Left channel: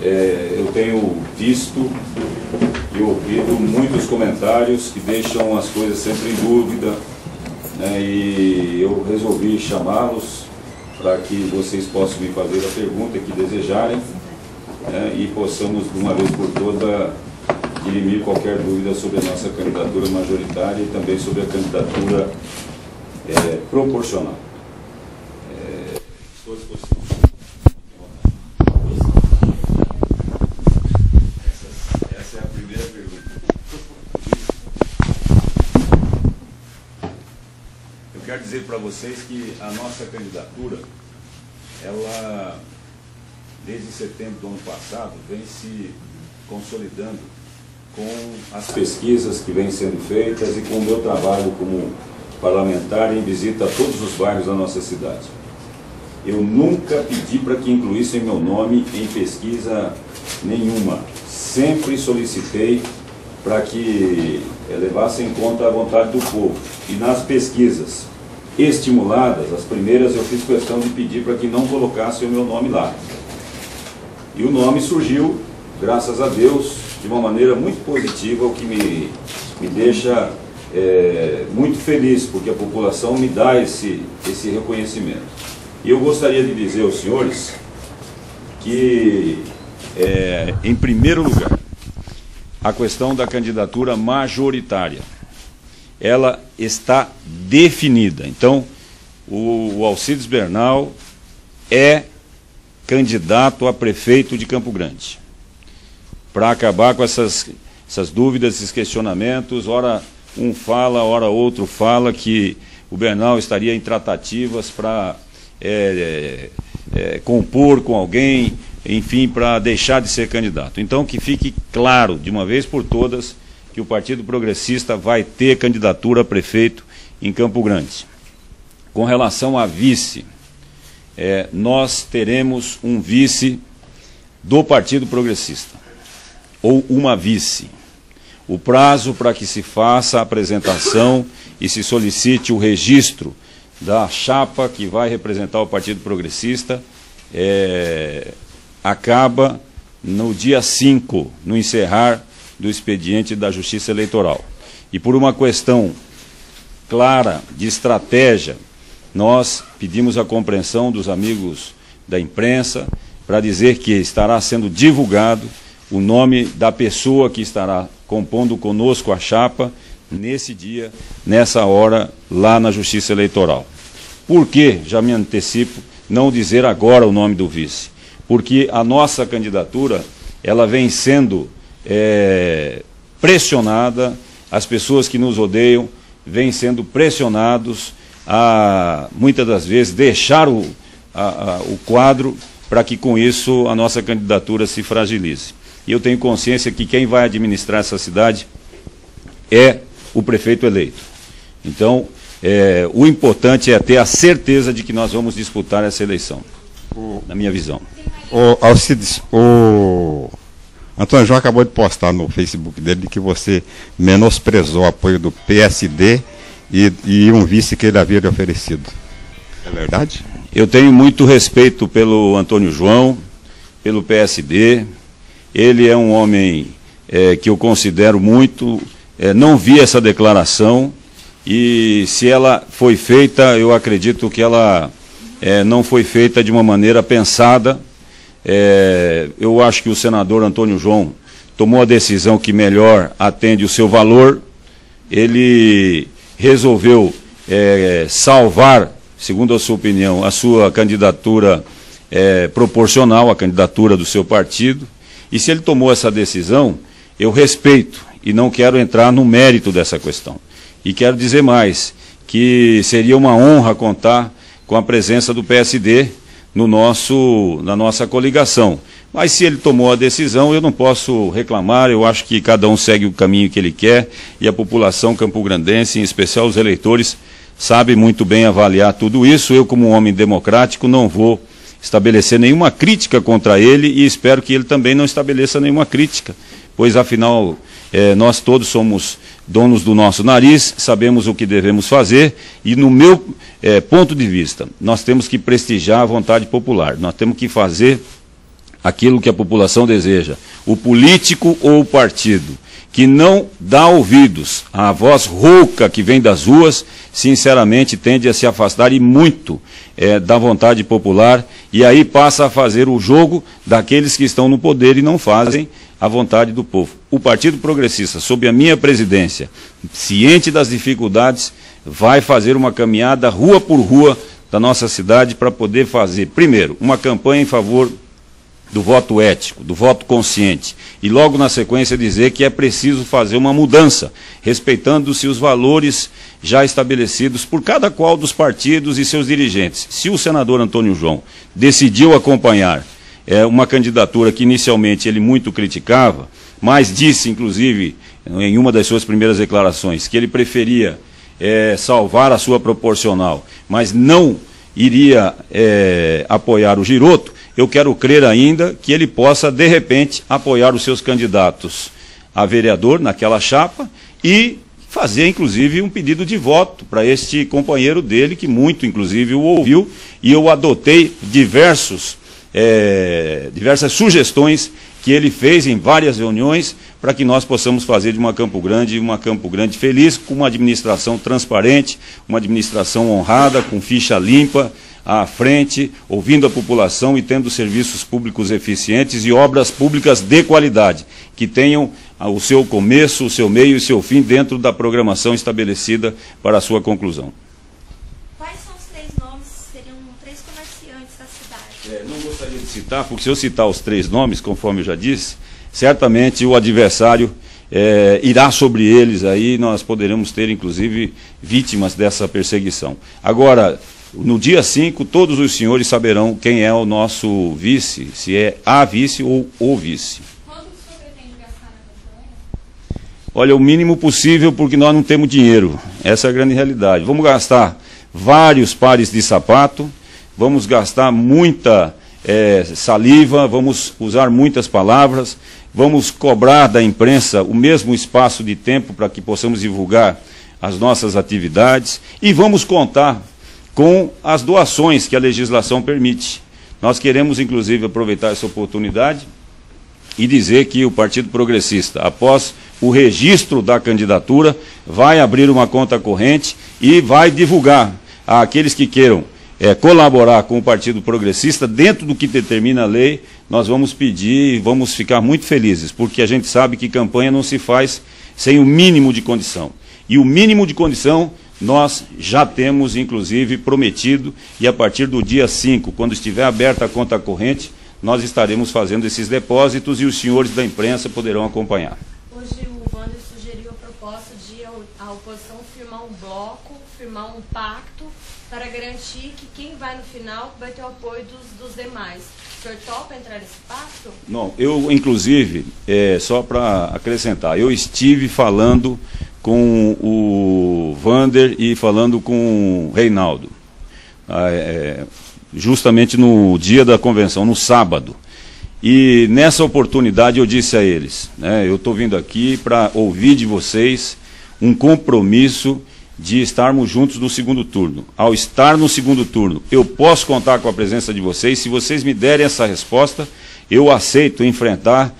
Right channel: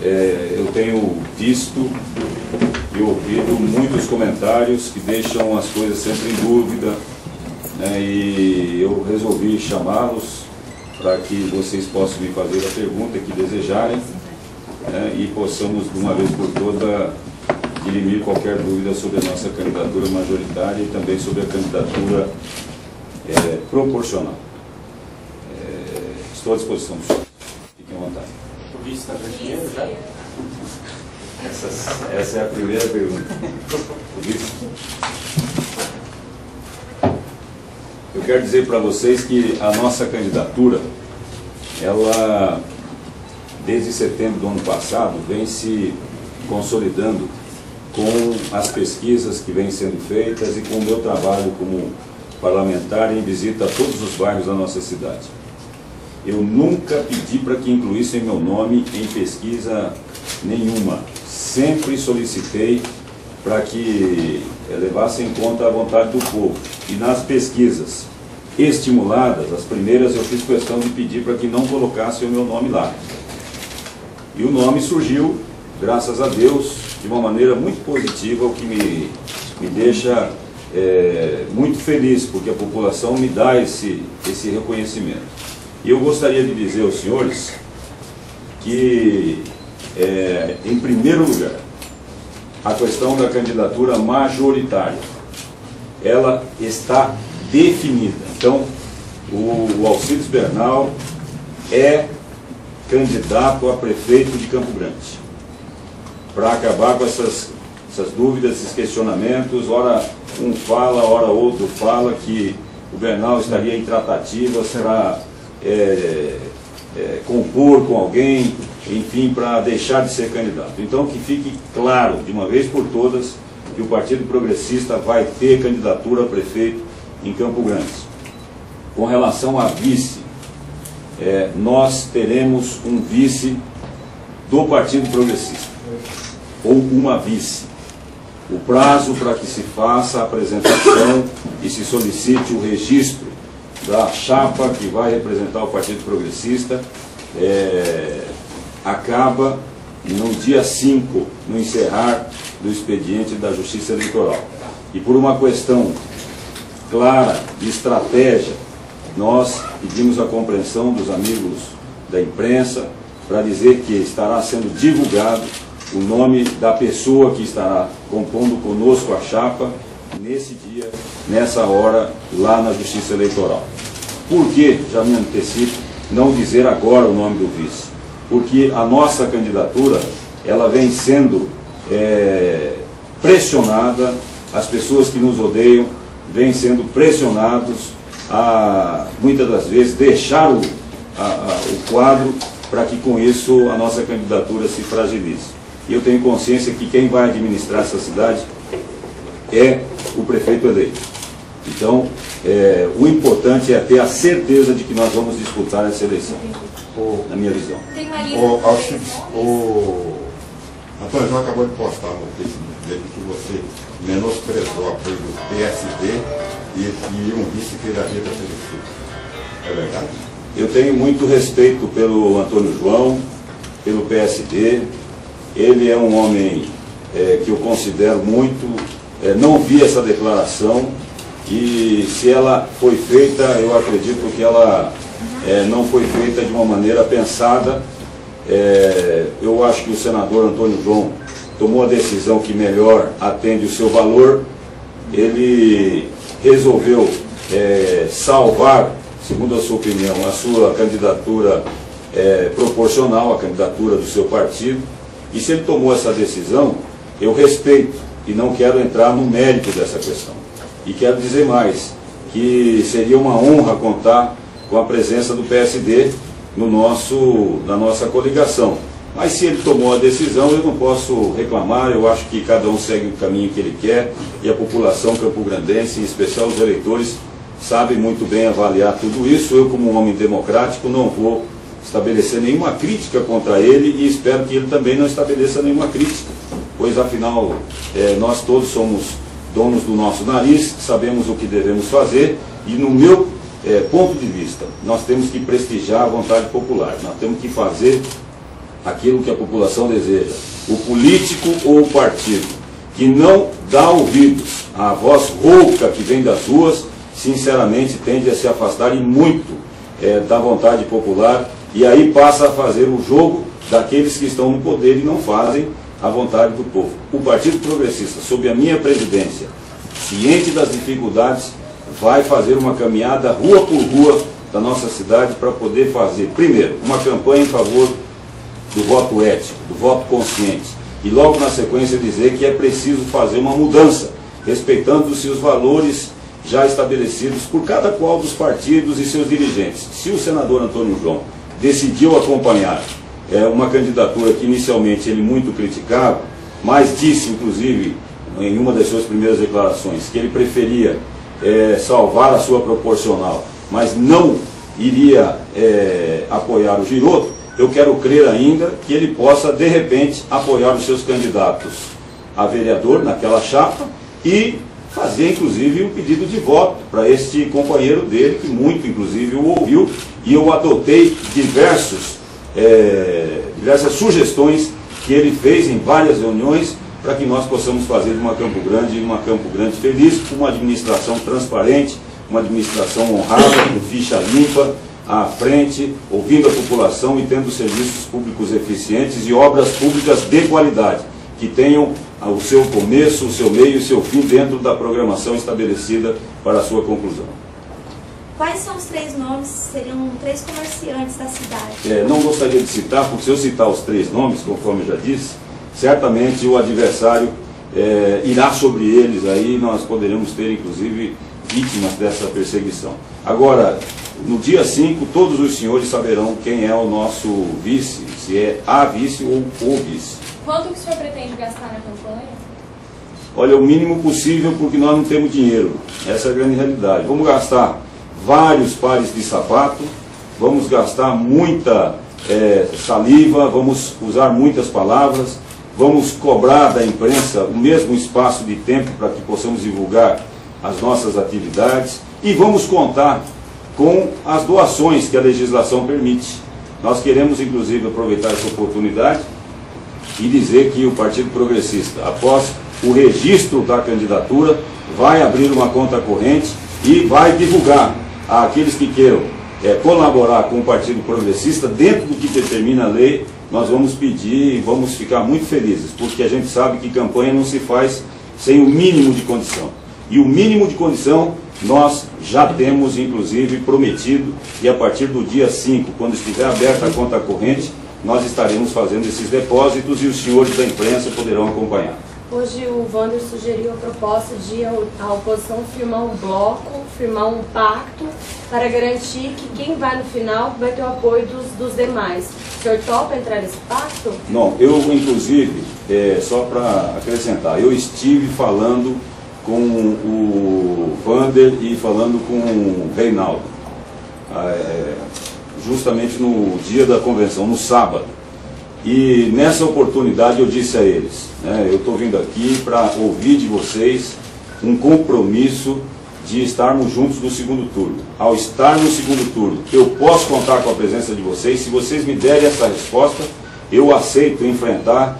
eu tenho visto e ouvido muitos comentários que deixam as coisas sempre em dúvida, né, e eu resolvi chamá-los para que vocês possam me fazer a pergunta que desejarem, né, e possamos, de uma vez por todas, dirimir qualquer dúvida sobre a nossa candidatura majoritária e também sobre a candidatura proporcional. Estou à disposição, senhor. Fiquem à vontade. Essa é a primeira pergunta. Eu quero dizer para vocês que a nossa candidatura, ela, desde setembro do ano passado, vem se consolidando com as pesquisas que vêm sendo feitas e com o meu trabalho como parlamentar em visita a todos os bairros da nossa cidade. Eu nunca pedi para que incluíssem meu nome em pesquisa nenhuma. Sempre solicitei para que levassem em conta a vontade do povo. E nas pesquisas estimuladas, as primeiras, eu fiz questão de pedir para que não colocassem o meu nome lá. E o nome surgiu, graças a Deus, de uma maneira muito positiva, o que me deixa muito feliz, porque a população me dá esse reconhecimento. E eu gostaria de dizer aos senhores que, em primeiro lugar, a questão da candidatura majoritária, ela está definida. Então, o Alcides Bernal é candidato a prefeito de Campo Grande. Para acabar com essas dúvidas, esses questionamentos, ora um fala, ora outro fala que o Bernal estaria em tratativas para compor com alguém, enfim, para deixar de ser candidato. Então, que fique claro, de uma vez por todas, que o Partido Progressista vai ter candidatura a prefeito em Campo Grande. Com relação a vice, nós teremos um vice do Partido Progressista, ou uma vice. O prazo para que se faça a apresentação e se solicite o registro da chapa que vai representar o Partido Progressista acaba no dia 5, no encerrar do expediente da Justiça Eleitoral. E por uma questão clara de estratégia, nós pedimos a compreensão dos amigos da imprensa para dizer que estará sendo divulgado o nome da pessoa que estará compondo conosco a chapa nesse dia, nessa hora, lá na Justiça Eleitoral. Por que, já me antecipo, não dizer agora o nome do vice? Porque a nossa candidatura, ela vem sendo pressionada, as pessoas que nos odeiam vêm sendo pressionados a, muitas das vezes, deixar o quadro para que com isso a nossa candidatura se fragilize. E eu tenho consciência que quem vai administrar essa cidade é o prefeito eleito. Então, o importante é ter a certeza de que nós vamos disputar essa eleição, na minha visão. Alcides, o Antônio João acabou de postar no Facebook dele que você menosprezou o apoio do PSD e um vice que ele havia lhe oferecido. É verdade? Eu tenho muito respeito pelo Antônio João, pelo PSD. Ele é um homem que eu considero muito. Não vi essa declaração e, se ela foi feita, eu acredito que ela não foi feita de uma maneira pensada. Eu acho que o senador Antônio João tomou a decisão que melhor atende o seu valor. Ele resolveu salvar, segundo a sua opinião, a sua candidatura proporcional, a candidatura do seu partido. E se ele tomou essa decisão, eu respeito e não quero entrar no mérito dessa questão. E quero dizer mais, que seria uma honra contar com a presença do PSD na nossa coligação. Mas se ele tomou a decisão, eu não posso reclamar. Eu acho que cada um segue o caminho que ele quer e a população campograndense, em especial os eleitores, sabe muito bem avaliar tudo isso. Eu, como um homem democrático, não vou estabelecer nenhuma crítica contra ele e espero que ele também não estabeleça nenhuma crítica, pois afinal nós todos somos donos do nosso nariz, sabemos o que devemos fazer e, no meu ponto de vista, nós temos que prestigiar a vontade popular, nós temos que fazer aquilo que a população deseja. O político ou o partido que não dá ouvidos à voz rouca que vem das ruas, sinceramente tende a se afastar e muito da vontade popular, e aí passa a fazer o jogo daqueles que estão no poder e não fazem a vontade do povo. O Partido Progressista, sob a minha presidência, ciente das dificuldades, vai fazer uma caminhada rua por rua da nossa cidade para poder fazer, primeiro, uma campanha em favor do voto ético, do voto consciente, e logo na sequência dizer que é preciso fazer uma mudança, respeitando-se os valores já estabelecidos por cada qual dos partidos e seus dirigentes. Se o senador Antônio João decidiu acompanhar uma candidatura que inicialmente ele muito criticava, mas disse, inclusive, em uma das suas primeiras declarações, que ele preferia salvar a sua proporcional, mas não iria apoiar o Giroto, eu quero crer ainda que ele possa, de repente, apoiar os seus candidatos a vereador naquela chapa e fazer, inclusive, um pedido de voto para este companheiro dele, que muito, inclusive, o ouviu, e eu adotei diversas sugestões que ele fez em várias reuniões para que nós possamos fazer de uma Campo Grande feliz, com uma administração transparente, uma administração honrada, com ficha limpa à frente, ouvindo a população e tendo serviços públicos eficientes e obras públicas de qualidade, que tenham o seu começo, o seu meio e o seu fim dentro da programação estabelecida para a sua conclusão. Quais são os 3 nomes? Seriam 3 comerciantes da cidade. Não gostaria de citar, porque se eu citar os 3 nomes, conforme eu já disse, certamente o adversário irá sobre eles, aí nós poderemos ter, inclusive, vítimas dessa perseguição. Agora, no dia 5, todos os senhores saberão quem é o nosso vice, se é a vice ou o vice. Quanto que o senhor pretende gastar na campanha? Olha, o mínimo possível, porque nós não temos dinheiro. Essa é a grande realidade. Vamos gastar vários pares de sapato, vamos gastar muita saliva, vamos usar muitas palavras, vamos cobrar da imprensa o mesmo espaço de tempo para que possamos divulgar as nossas atividades e vamos contar com as doações que a legislação permite. Nós queremos, inclusive, aproveitar essa oportunidade e dizer que o Partido Progressista, após o registro da candidatura, vai abrir uma conta corrente e vai divulgar àqueles que queiram colaborar com o Partido Progressista, dentro do que determina a lei. Nós vamos pedir e vamos ficar muito felizes, porque a gente sabe que campanha não se faz sem o mínimo de condição. E o mínimo de condição nós já temos, inclusive, prometido, e a partir do dia 5, quando estiver aberta a conta corrente, nós estaremos fazendo esses depósitos e os senhores da imprensa poderão acompanhar. Hoje o Wander sugeriu a proposta de a oposição firmar um bloco, firmar um pacto para garantir que quem vai no final vai ter o apoio dos demais. O senhor topa entrar nesse pacto? Bom, eu inclusive, só para acrescentar, eu estive falando com o Wander e falando com o Reinaldo, justamente no dia da convenção, no sábado. E nessa oportunidade eu disse a eles, eu estou vindo aqui para ouvir de vocês um compromisso de estarmos juntos no segundo turno. Ao estar no segundo turno, eu posso contar com a presença de vocês. Se vocês me derem essa resposta, eu aceito enfrentar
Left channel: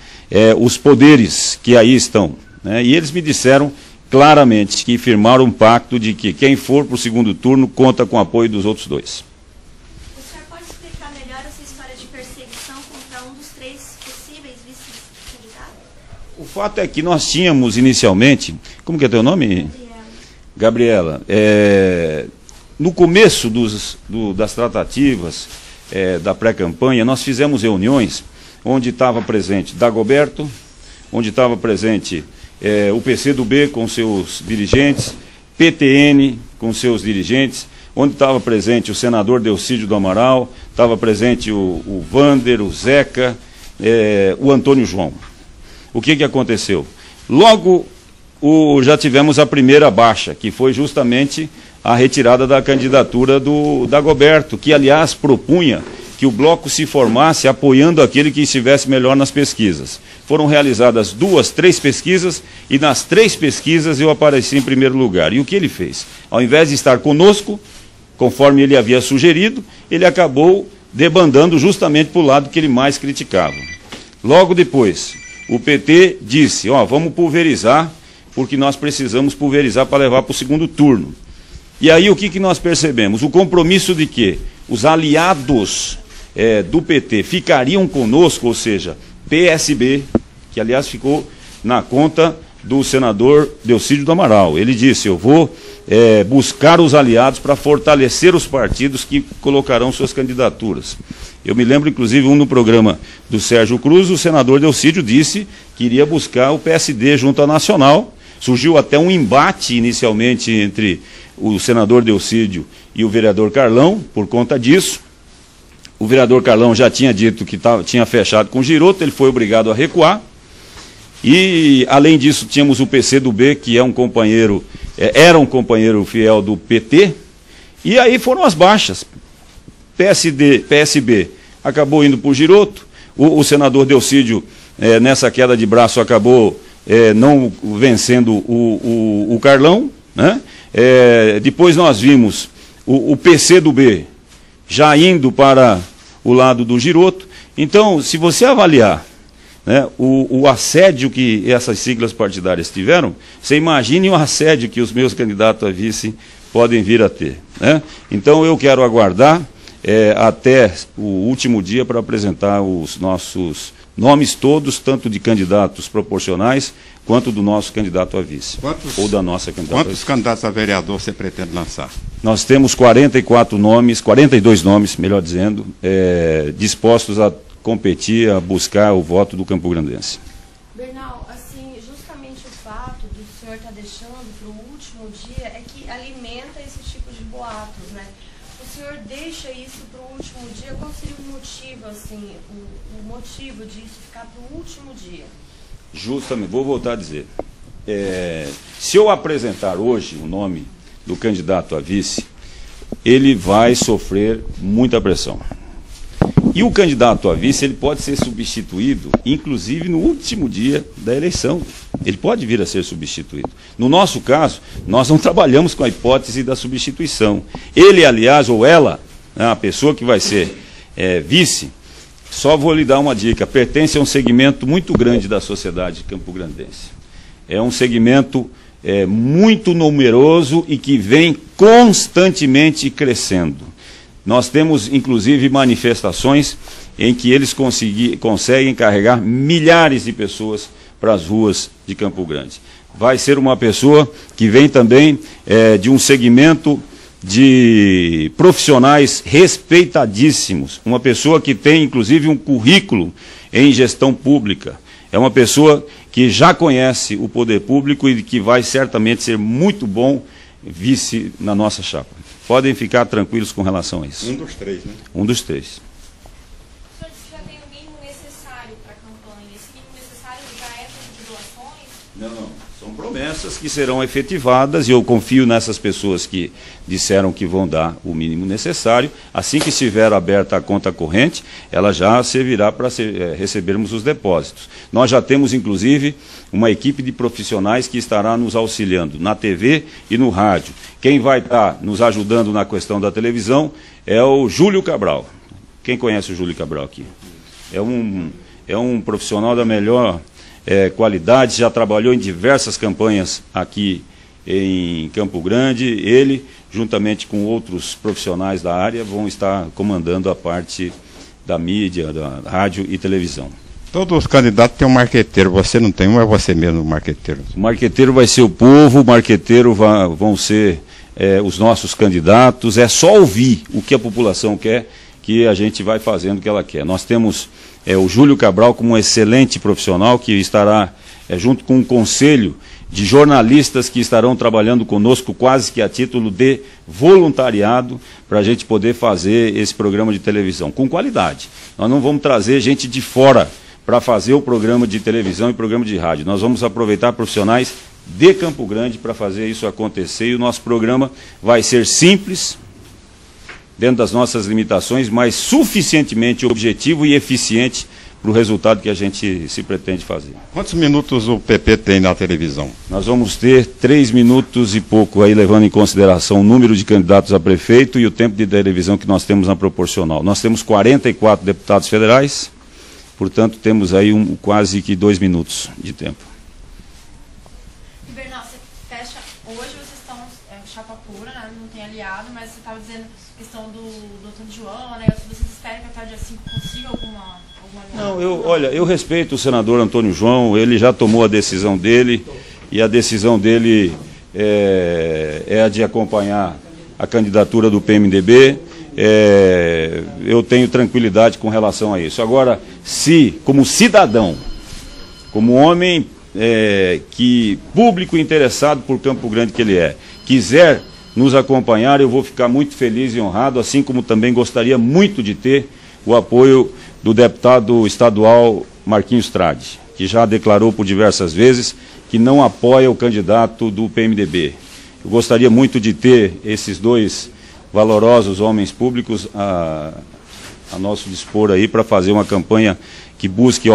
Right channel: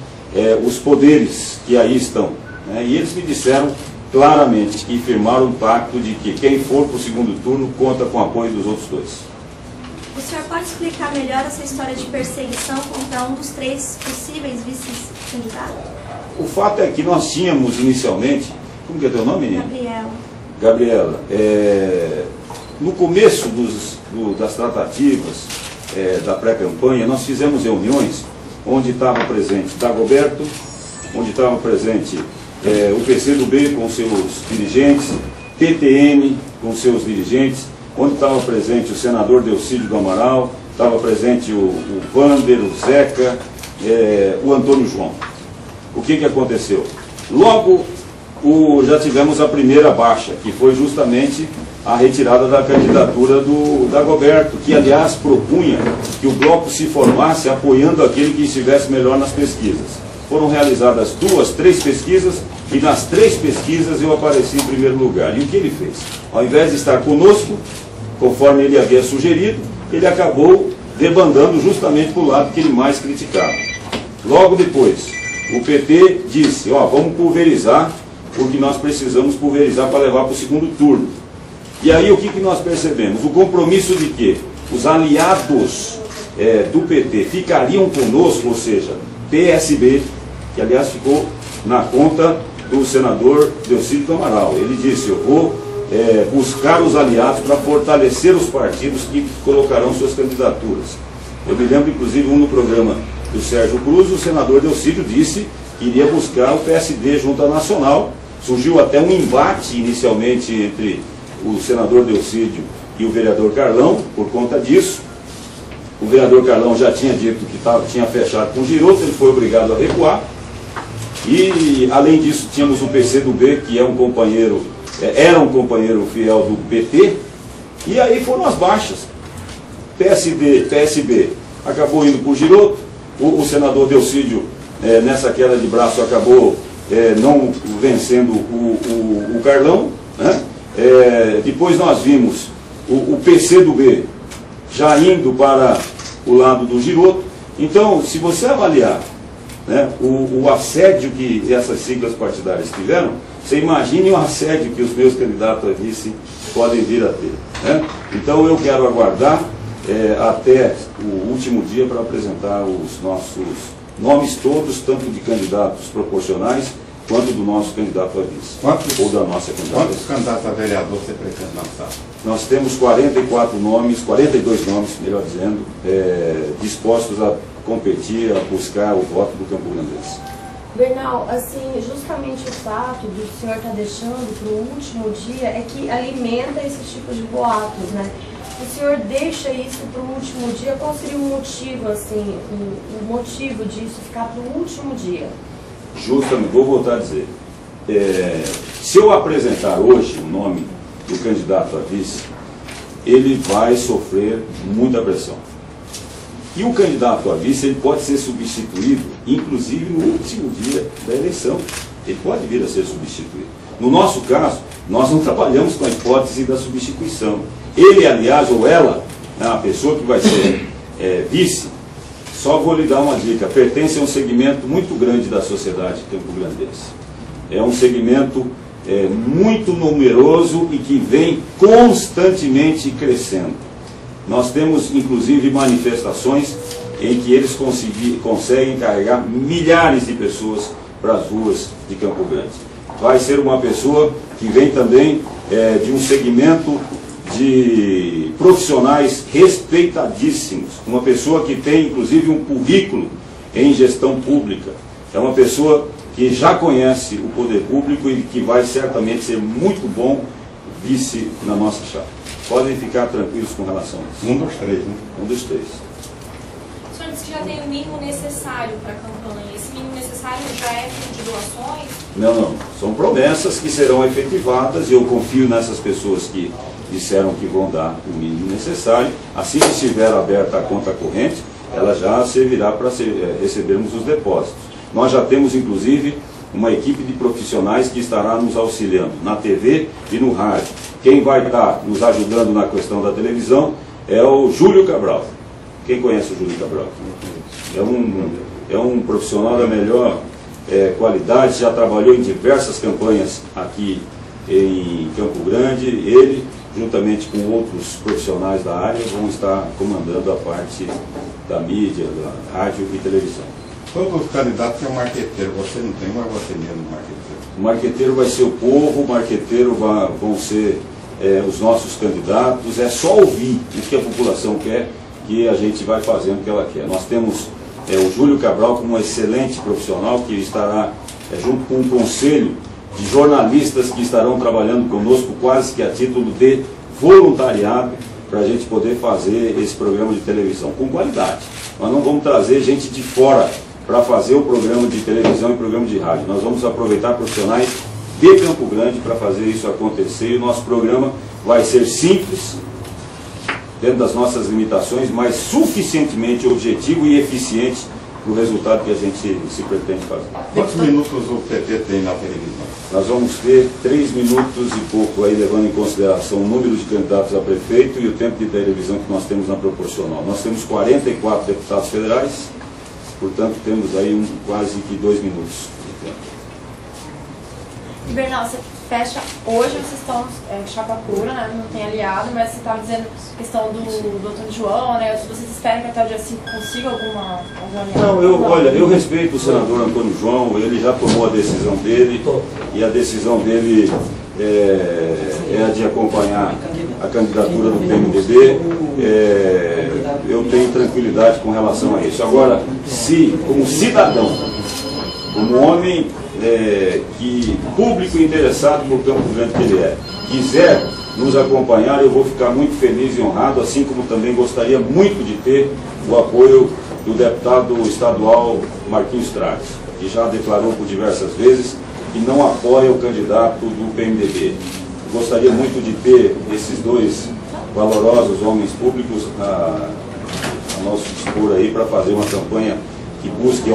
os poderes que aí estão. E eles me disseram claramente que firmaram um pacto de que quem for para o segundo turno conta com o apoio dos outros 2. O senhor pode explicar melhor essa história de perseguição contra um dos 3 possíveis vice-candidatos? O fato é que nós tínhamos inicialmente... Como que é teu nome? Gabriela. No começo das tratativas da pré-campanha, nós fizemos reuniões onde estava presente Dagoberto, onde estava presente o PCdoB com seus dirigentes, PTN com seus dirigentes, onde estava presente o senador Delcídio do Amaral, estava presente o Wander, o Zeca, o Antônio João. O que aconteceu? Logo já tivemos a primeira baixa, que foi justamente a retirada da candidatura do Dagoberto, que aliás propunha que o bloco se formasse apoiando aquele que estivesse melhor nas pesquisas. Foram realizadas 2, 3 pesquisas, e nas 3 pesquisas eu apareci em primeiro lugar. E o que ele fez? Ao invés de estar conosco, conforme ele havia sugerido, ele acabou debandando justamente para o lado que ele mais criticava. Logo depois, o PT disse, ó, vamos pulverizar, porque nós precisamos pulverizar para levar para o segundo turno. E aí o que nós percebemos? O compromisso de que os aliados do PT ficariam conosco, ou seja, PSB, que aliás ficou na conta do senador Delcídio do Amaral. Ele disse, eu vou buscar os aliados para fortalecer os partidos que colocarão suas candidaturas. Eu me lembro, inclusive, no programa do Sérgio Cruz, o senador Delcídio disse que iria buscar o PSD junto à Nacional. Surgiu até um embate inicialmente entre o senador Delcídio e o vereador Carlão por conta disso. O vereador Carlão já tinha dito que tinha fechado com o Girotto, ele foi obrigado a recuar. E, além disso, tínhamos o PCdoB, que é um companheiro, era um companheiro fiel do PT. E aí foram as baixas. PSB acabou indo para o Girotto. O senador Delcídio, nessa queda de braço, acabou não vencendo o Carlão, né? Depois nós vimos o PCdoB já indo para o lado do Girotto. Então, se você avaliar, né, o assédio que essas siglas partidárias tiveram, você imagine o assédio que os meus candidatos a vice podem vir a ter, né? Então eu quero aguardar até o último dia para apresentar os nossos nomes todos, tanto de candidatos proporcionais quanto do nosso candidato a vice, ou da nossa candidata. Quantos candidatos a vereador você pretende lançar? Nós temos 44 nomes, 42 nomes, melhor dizendo, dispostos a competir, a buscar o voto do Campo Grandense. Bernal, assim, justamente o fato do senhor estar deixando para o último dia é que alimenta esses tipos de boatos, né? O senhor deixa isso para o último dia, qual seria o motivo, assim, o motivo disso ficar para o último dia? Justamente, vou voltar a dizer, se eu apresentar hoje o nome do candidato a vice, ele vai sofrer muita pressão. E o candidato a vice, ele pode ser substituído, inclusive no último dia da eleição. Ele pode vir a ser substituído. No nosso caso, nós não trabalhamos com a hipótese da substituição. Ele, aliás, ou ela, a pessoa que vai ser vice, só vou lhe dar uma dica, pertence a um segmento muito grande da sociedade campograndense. É um segmento muito numeroso e que vem constantemente crescendo. Nós temos, inclusive, manifestações em que eles conseguem carregar milhares de pessoas para as ruas de Campo Grande. Vai ser uma pessoa que vem também de um segmento de profissionais respeitadíssimos. Uma pessoa que tem, inclusive, um currículo em gestão pública. É uma pessoa que já conhece o poder público e que vai certamente ser muito bom vice na nossa chapa. Podem ficar tranquilos com relação a isso. Um dos três, né? Um dos três. O senhor disse que já tem o mínimo necessário para a campanha. Esse mínimo necessário já é de doações? Não. São promessas que serão efetivadas e eu confio nessas pessoas que disseram que vão dar o mínimo necessário. Assim que estiver aberta a conta corrente, ela já servirá para recebermos os depósitos. Nós já temos, inclusive, uma equipe de profissionais que estará nos auxiliando na TV e no rádio. Quem vai estar nos ajudando na questão da televisão é o Júlio Cabral. Quem conhece o Júlio Cabral aqui? É um profissional da melhor qualidade, já trabalhou em diversas campanhas aqui em Campo Grande. Ele, juntamente com outros profissionais da área, vão estar comandando a parte da mídia, da rádio e televisão. Todos os candidatos têm um marqueteiro, você não tem um, é você mesmo o marqueteiro? O marqueteiro vai ser o povo, o marqueteiro vão ser os nossos candidatos. É só ouvir o que a população quer, que a gente vai fazendo o que ela quer. Nós temos o Júlio Cabral como um excelente profissional que estará junto com um conselho de jornalistas que estarão trabalhando conosco quase que a título de voluntariado para a gente poder fazer esse programa de televisão com qualidade. Nós não vamos trazer gente de fora para fazer o programa de televisão e o programa de rádio. Nós vamos aproveitar profissionais de Campo Grande para fazer isso acontecer. E o nosso programa vai ser simples, dentro das nossas limitações, mas suficientemente objetivo e eficiente para o resultado que a gente se pretende fazer. Quantos minutos o PP tem na televisão? Nós vamos ter 3 minutos e pouco, aí levando em consideração o número de candidatos a prefeito e o tempo de televisão que nós temos na proporcional. Nós temos 44 deputados federais, portanto temos aí quase que 2 minutos de tempo. Bernal, você fecha, hoje vocês estão chapa pura, né? Não tem aliado, mas você estava dizendo a questão do Antônio João, né? Vocês esperam que até o dia 5 consiga algum aliado? Não, olha, eu respeito o senador Antônio João, ele já tomou a decisão dele, e a decisão dele é a de acompanhar a candidatura do PMDB. Eu tenho tranquilidade com relação a isso. Agora, se, como cidadão, como homem que público interessado por Campo Grande que ele quiser nos acompanhar, eu vou ficar muito feliz e honrado, assim como também gostaria muito de ter o apoio do deputado estadual Marquinhos Trade, que já declarou por diversas vezes que não apoia o candidato do PMDB. Eu gostaria muito de ter esses 2 valorosos homens públicos a nosso dispor aí para fazer uma campanha que busque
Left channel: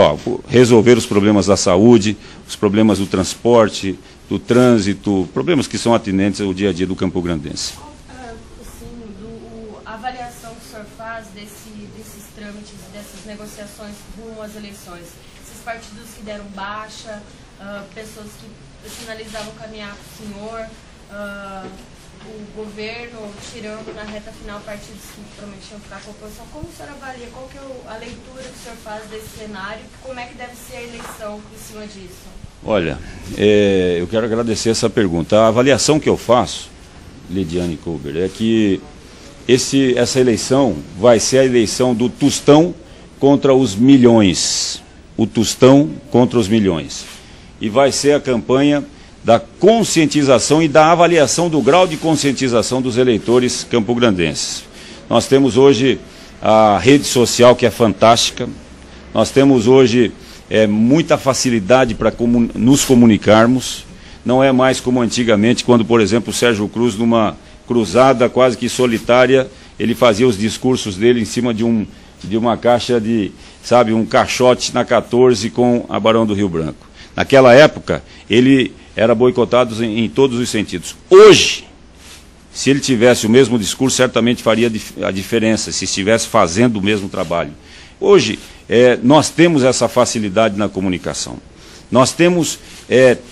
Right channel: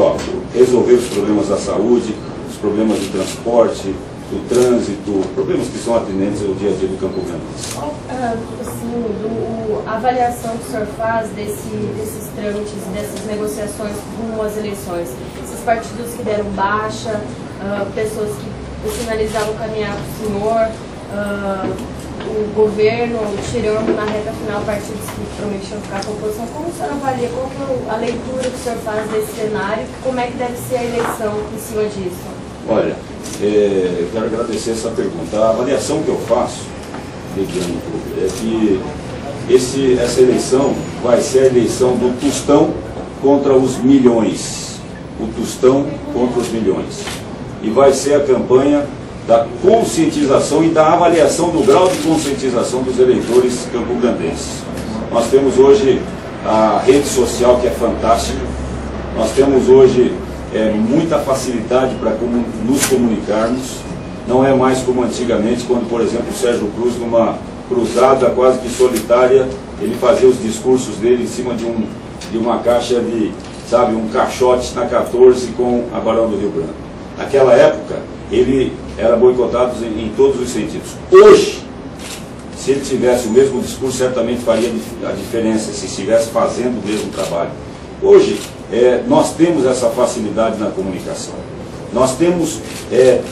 resolver os problemas da saúde, os problemas do transporte, do trânsito, problemas que são atinentes ao dia a dia do Campo Grandense. Qual, a avaliação que o senhor faz desses trâmites, dessas negociações rumo às eleições? Esses partidos que deram baixa, pessoas que sinalizavam caminhar para o senhor, o governo tirando na reta final partidos que prometiam ficar com a oposição. Como o senhor avalia? Qual que é a leitura que o senhor faz desse cenário? Como é que deve ser a eleição em cima disso? Olha, eu quero agradecer essa pergunta. A avaliação que eu faço, Lidiane Kruger, é que essa eleição vai ser a eleição do tostão contra os milhões. O tostão contra os milhões. E vai ser a campanha da conscientização e da avaliação do grau de conscientização dos eleitores campograndenses. Nós temos hoje a rede social, que é fantástica. Nós temos hoje muita facilidade para nos comunicarmos. Não é mais como antigamente, quando, por exemplo, o Sérgio Cruz, numa cruzada quase que solitária, ele fazia os discursos dele em cima de uma caixa de, um caixote na 14 com a Barão do Rio Branco. Naquela época, ele era boicotado em todos os sentidos. Hoje, se ele tivesse o mesmo discurso, certamente faria a diferença, se estivesse fazendo o mesmo trabalho. Hoje, nós temos essa facilidade na comunicação. Nós temos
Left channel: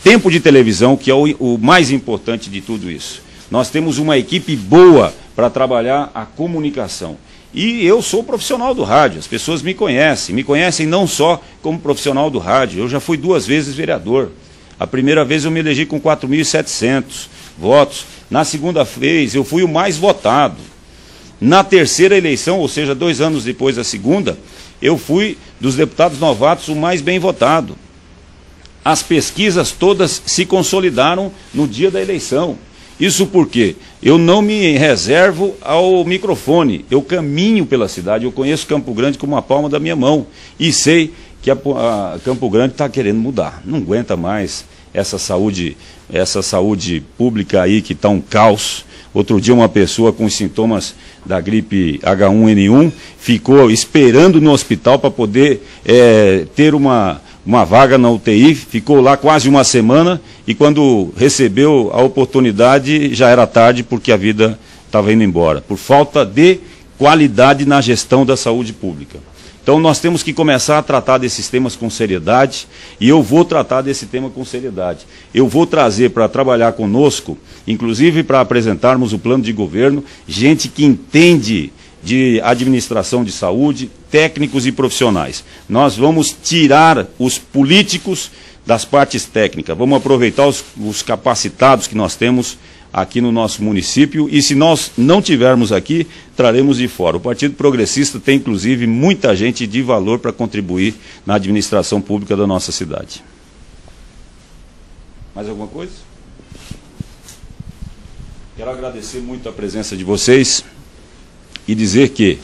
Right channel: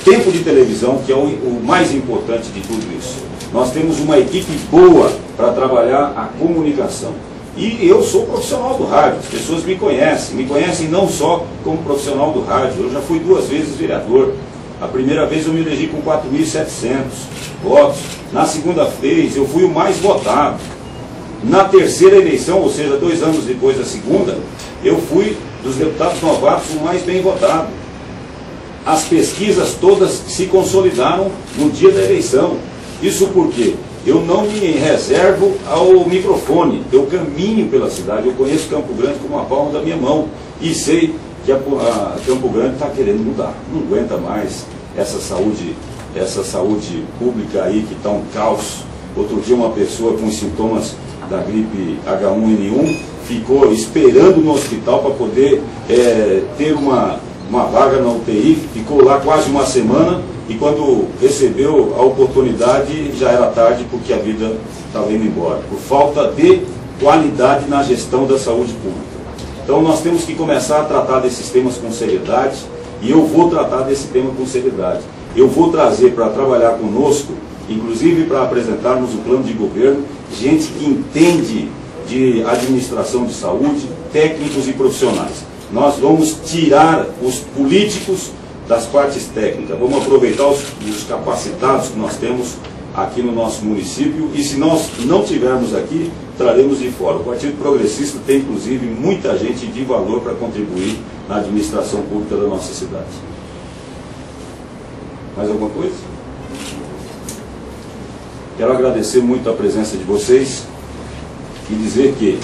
tempo de televisão, que é o mais importante de tudo isso. Nós temos uma equipe boa para trabalhar a comunicação. E eu sou profissional do rádio, as pessoas me conhecem não só como profissional do rádio. Eu já fui 2 vezes vereador. A primeira vez eu me elegi com 4.700 votos. Na segunda vez eu fui o mais votado. Na terceira eleição, ou seja, 2 anos depois da segunda, eu fui dos deputados novatos o mais bem votado. As pesquisas todas se consolidaram no dia da eleição. Isso porque eu não me reservo ao microfone, eu caminho pela cidade, eu conheço Campo Grande como a palma da minha mão e sei que a Campo Grande está querendo mudar, não aguenta mais essa saúde pública aí que está um caos. Outro dia uma pessoa com sintomas da gripe H1N1 ficou esperando no hospital para poder ter uma vaga na UTI, ficou lá quase uma semana e quando recebeu a oportunidade já era tarde porque a vida estava indo embora, por falta de qualidade na gestão da saúde pública. Então nós temos que começar a tratar desses temas com seriedade e eu vou tratar desse tema com seriedade. Eu vou trazer para trabalhar conosco, inclusive para apresentarmos o plano de governo, gente que entende de administração de saúde, técnicos e profissionais. Nós vamos tirar os políticos das partes técnicas, vamos aproveitar os capacitados que nós temos aqui no nosso município e se nós não tivermos aqui, traremos de fora. O Partido Progressista tem inclusive muita gente de valor para contribuir na administração pública da nossa cidade. Mais alguma coisa? Quero agradecer muito a presença de vocês e dizer que,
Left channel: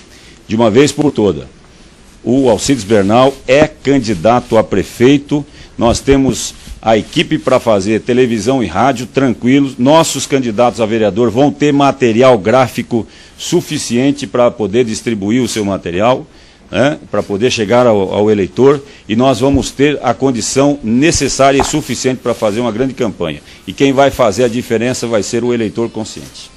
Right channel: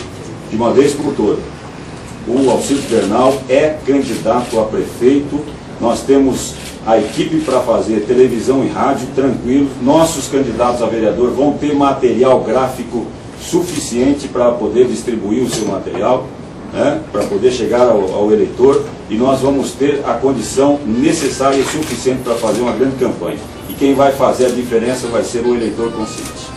de uma vez por todas, o Alcides Bernal é candidato a prefeito. Nós temos a equipe para fazer televisão e rádio tranquilos. Nossos candidatos a vereador vão ter material gráfico suficiente para poder distribuir o seu material. né, para poder chegar ao eleitor, e nós vamos ter a condição necessária e suficiente para fazer uma grande campanha. E quem vai fazer a diferença vai ser o eleitor consciente.